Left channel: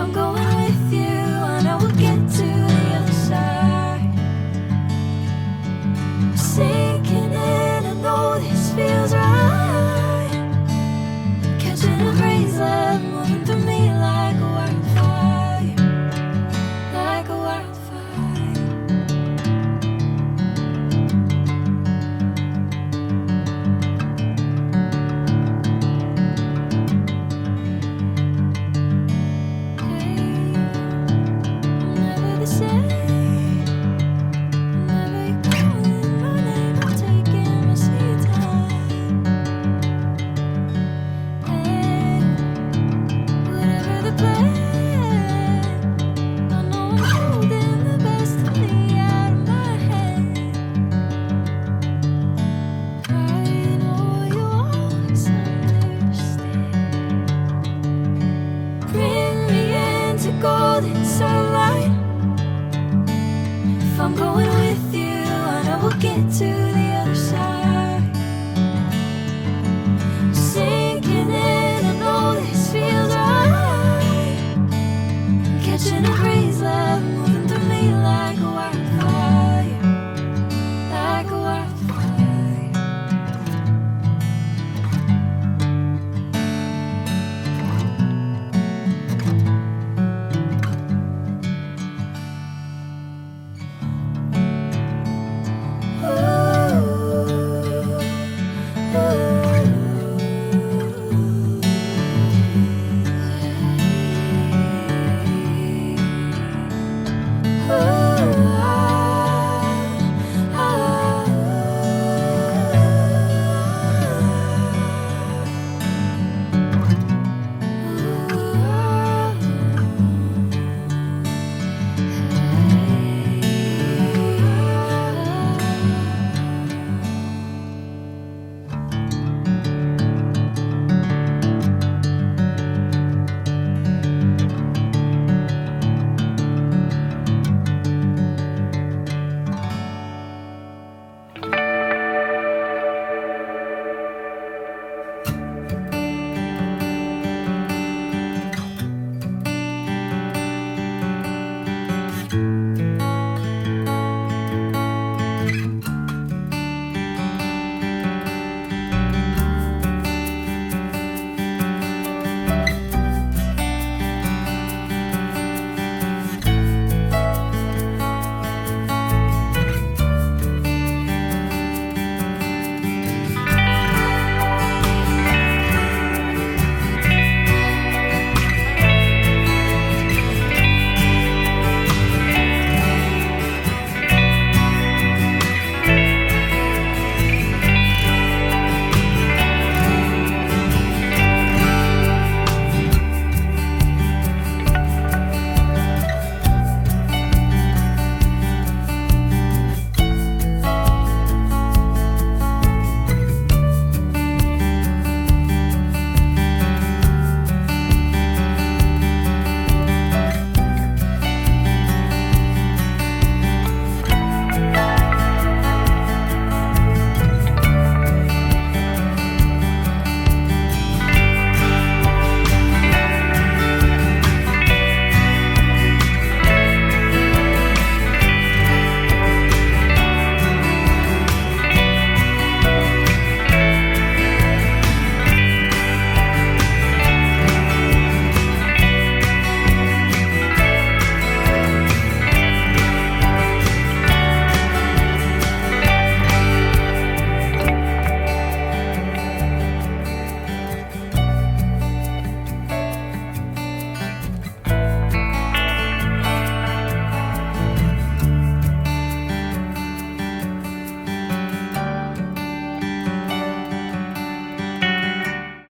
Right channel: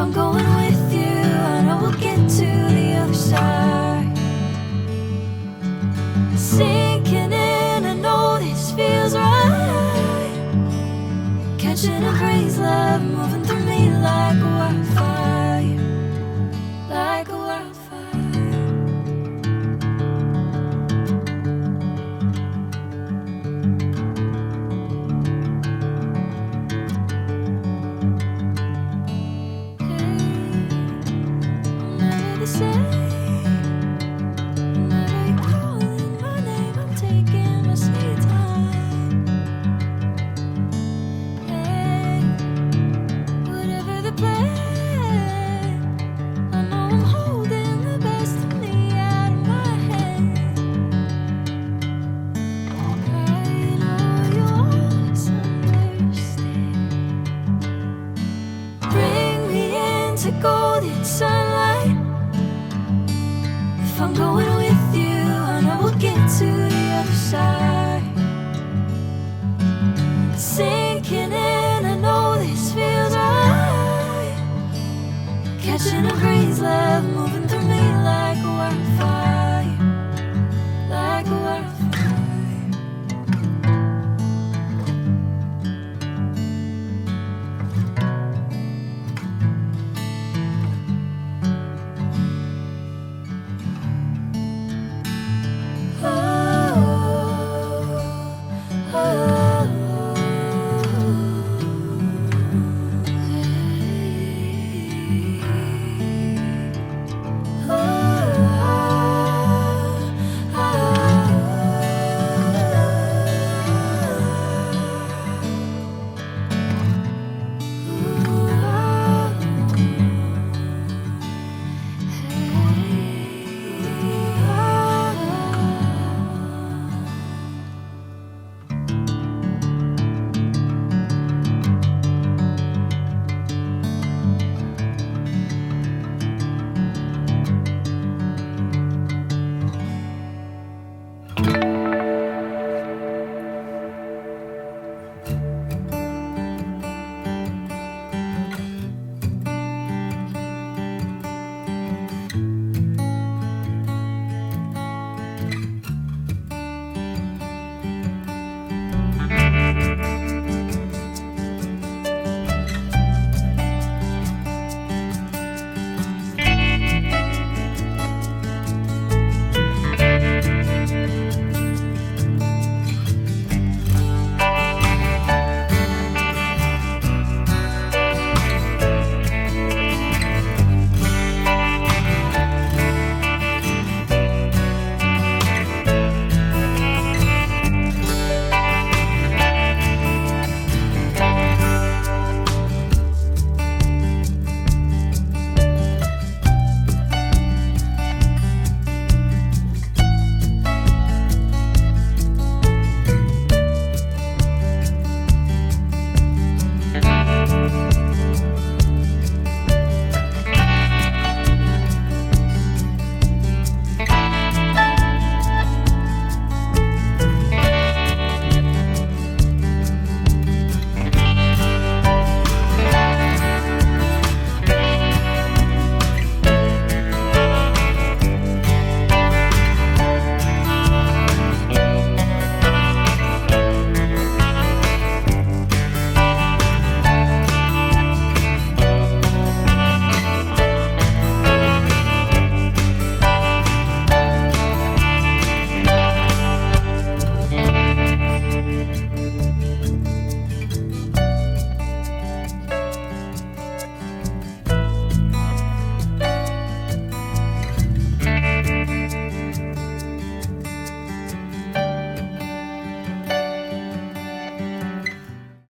I'm going with you, I know we'll get to the other side. Sinking in, I know this feels right. Catching a crazy love, moving through me like a wildfire, like a wildfire. Golden sunlight. If I'm going with you, I know we'll get to the other side. Sinking in, I know this feels right.